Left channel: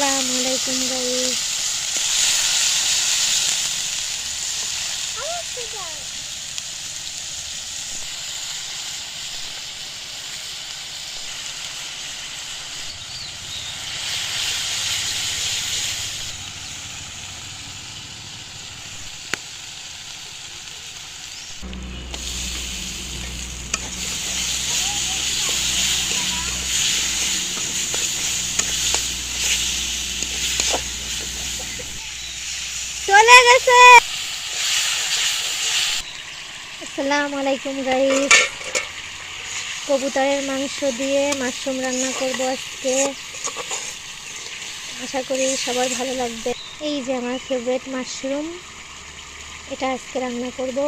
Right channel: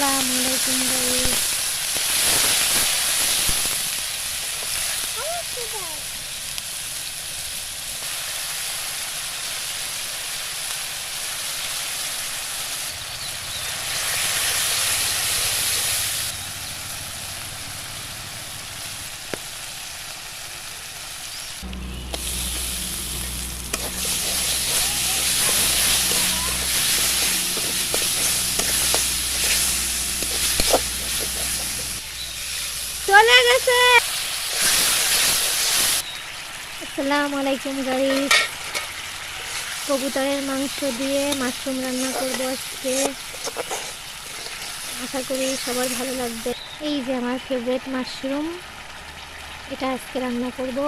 আসসালামু আলাইকুম গাইস। চলে গেছে। আসসালামু আলাইকুম গাইস। কবুতরের মাংস দিয়ে মাশরুম রান্না করব আজকে। আশা করি সবার ভালো লাগবে। এই যে আমার ফেভারিট মাশরুম, এটা আজকে রান্না করব।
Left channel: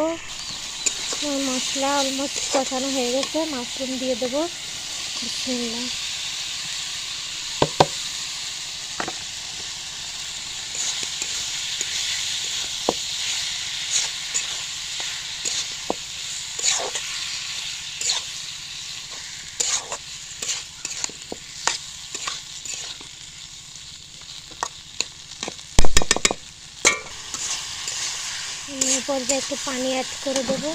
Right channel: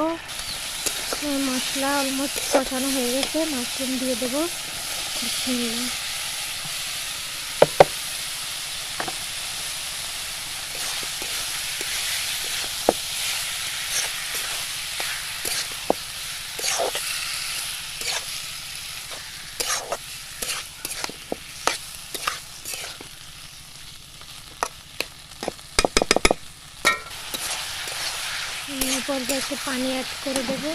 মশলা অলমোস্ট কষানো হয়ে গেছে, মাশরুম দিয়ে দেবো। বিসমিল্লাহ। পর্যায়ে একটু পানি অ্যাড করে দেবো।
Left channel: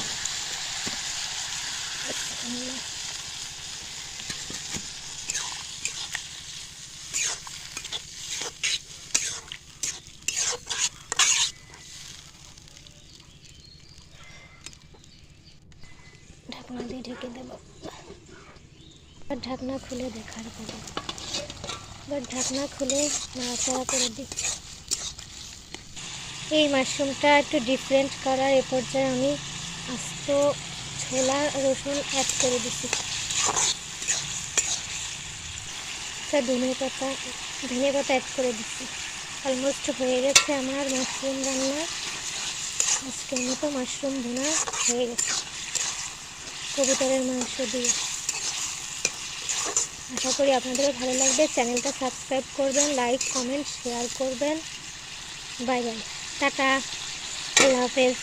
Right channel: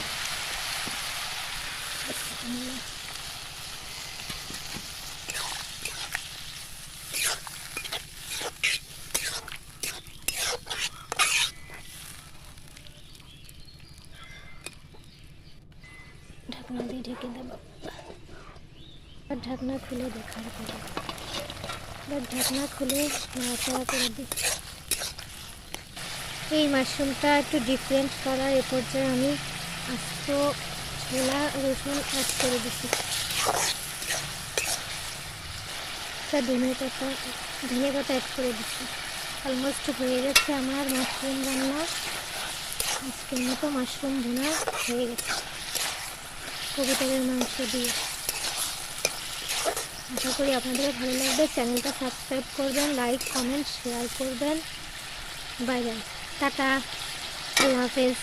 ঢাকনা দিয়ে ঢেকে দেবো। আর ঢাকনা খুলে দেখার পরে এবার ঢাকনা খুলে নাড়াচাড়া করে দিই। এই মাশরুমটা একটু ডিফারেন্ট কালার। এ পর্যায়ে আমি আস্ত ছোলা রসুন অ্যাড করে দিচ্ছি। ধনে পাতা অ্যাড করে দিচ্ছি। অলমোস্ট হয়ে গেছে আমার মাশরুম রান্না। আজকের মতো মাশরুম ভুনা হয়ে গেছে কবুতরের মাংস দিয়ে। আশা করি আপনাদেরও ভালো লাগবে। চ্যানেলটা সাবস্ক্রাইব করবেন, লাইক কমেন্ট শেয়ার করবেন। বাই বাই, টাটা, আল্লাহ হাফেজ।